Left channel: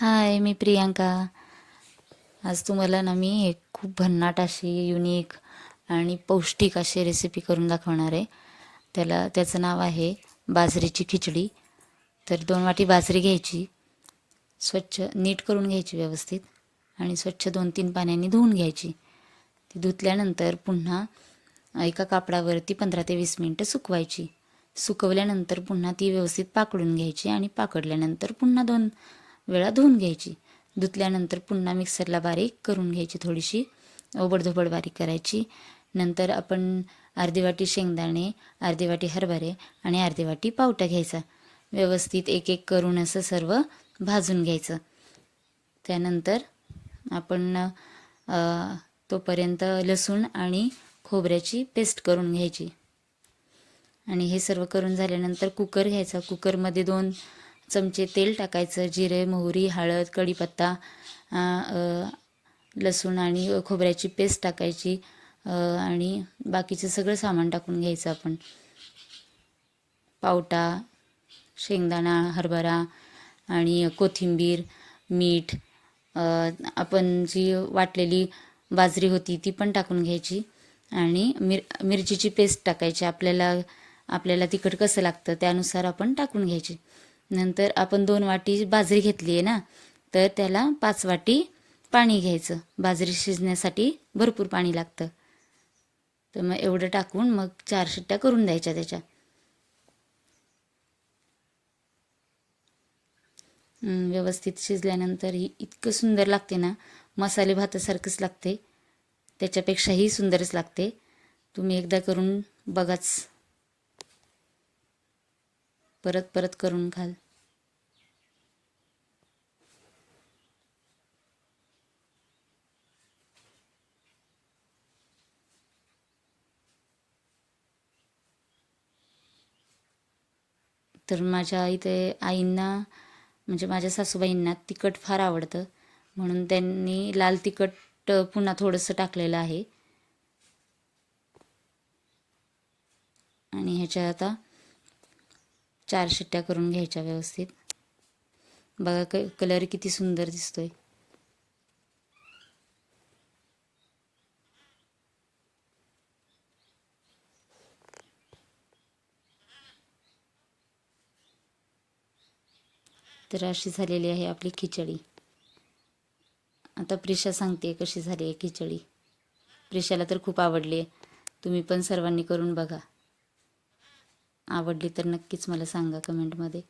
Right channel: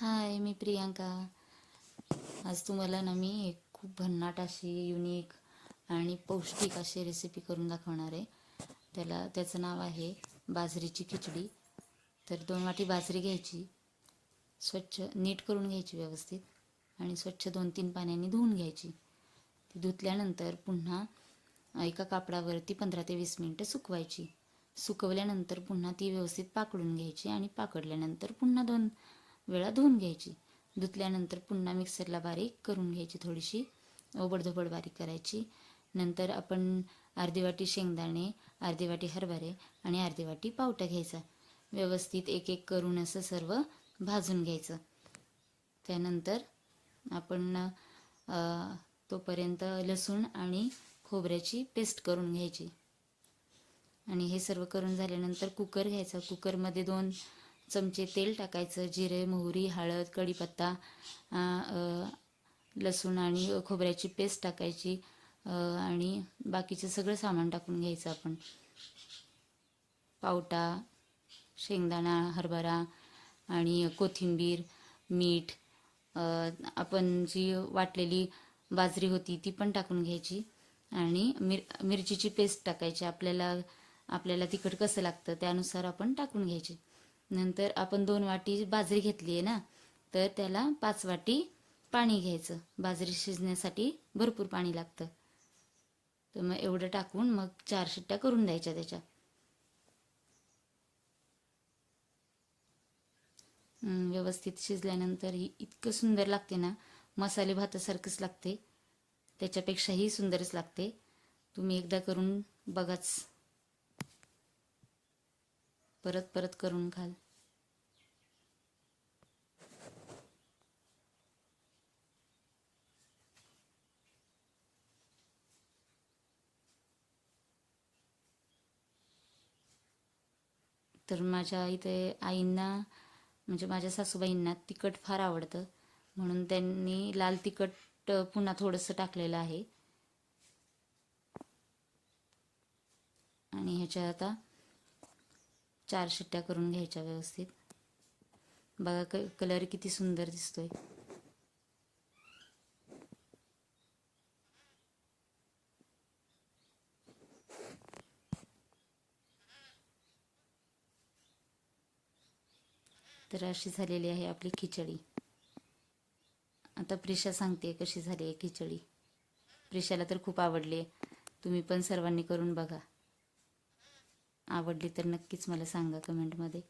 हाय, मी प्रियांका. आज तुम्हाला ना मी एक खूप भन्नाट अशी युनिक आणि पौष्टिक अशी रेसिपी करून दाखवणार आहे. त्याचं नाव आहे बाजरीची खिचडी. तर 2 वाटी बाजरी घ्यायची, स्वच्छ नीट करून घ्यायची व्यवस्थित आणि स्वच्छ 2-3 पाण्याने धुवून घ्यायची. ती धुतल्यानंतर पुन्हा एका कापडावरती 15 ते 20 मिनटं सुकवायची. सुकवल्यानंतर पुन्हा ती व्यवस्थित पाकडून घ्यायची आणि पाकडल्यानंतर पुन्हा 2 वेळा धुवून घ्यायची. धुतल्यानंतर पुन्हा मिक्सरला बारीक करून घ्यायची, थोडीशी ओबडधोबड बारीक करायची. नंतर आपण अर्धी वाटी शेंगदाणे, अर्धी वाटी हरभरे आणि अर्धी वाटी पावटा घ्यायचा. व्यवस्थित एक एक करून असं सर्व भाजून घ्यायचं. त्यानंतर आपण तोपर्यंत लसूण आणि खोबऱ्याची पेस्ट करून घ्यायची. आणि हे सर्व करून झाल्यानंतर कुकर घ्यायचा. कुकरमध्ये 2 चमचे तेल टाकायचं. जिरे, मोहरी, हळद, कढीपत्ता, लसूण आणि खोबऱ्याची पेस्ट टाकायची आणि बाकीचं सगळं सामान टाकून घ्यायचं आपण. पावटा, शेंगदाणा, हरभरा आणि कोथिंबीर, मीठ, आपण जी वाटलेली बाजरी होती ती पण टाकून घ्यायची आणि मिरचीची पेस्ट टाकायची. आपल्याला तिखट कसं लागतं त्यानुसार आपण टाकून घ्यायची. नंतर आपण 2 वाटी बाजरी घेतली आहे ना, तर त्याला 5 वाटी पाणी घ्यायचं. बाजरी शिजण्यासाठी भरपूर पाणी लागतं. तर मग एवढं टाकून मग 4 शिट्ट्या करून द्यायच्या त्याच्या. व्यवस्थित शिजल्यानंतर ही इतकं सुंदर लागते ना, मसाले भातासारखंच लागते. त्याच्यापेक्षाही सुंदरच लागते. तुम्ही एकदा करून बघाच, परत परत करून खाल. तर माझ्या इथे आईंना, म्हणजे माझ्या सासूबाईंना तिखट फार आवडतं, म्हणून त्यांनी लाल तिखट पुन्हा थोडंसं टाकलेलं आहे. आणि ह्याच्या आता 4 शिट्ट्या करून घ्यायच्या व्यवस्थित. बघा कलर किती सुंदर दिसतोय. तर अशी झालेली आहे आपली खिचडी. आता प्रिशा सांगते कशी झाली आहे खिचडी. प्रिशाला तर खूप आवडली आहे. तुम्ही पण सर्वांनी करून बघा. आवडली तर नक्कीच मला सांगा कमेंटमध्ये.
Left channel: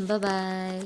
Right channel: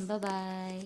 Bye bye.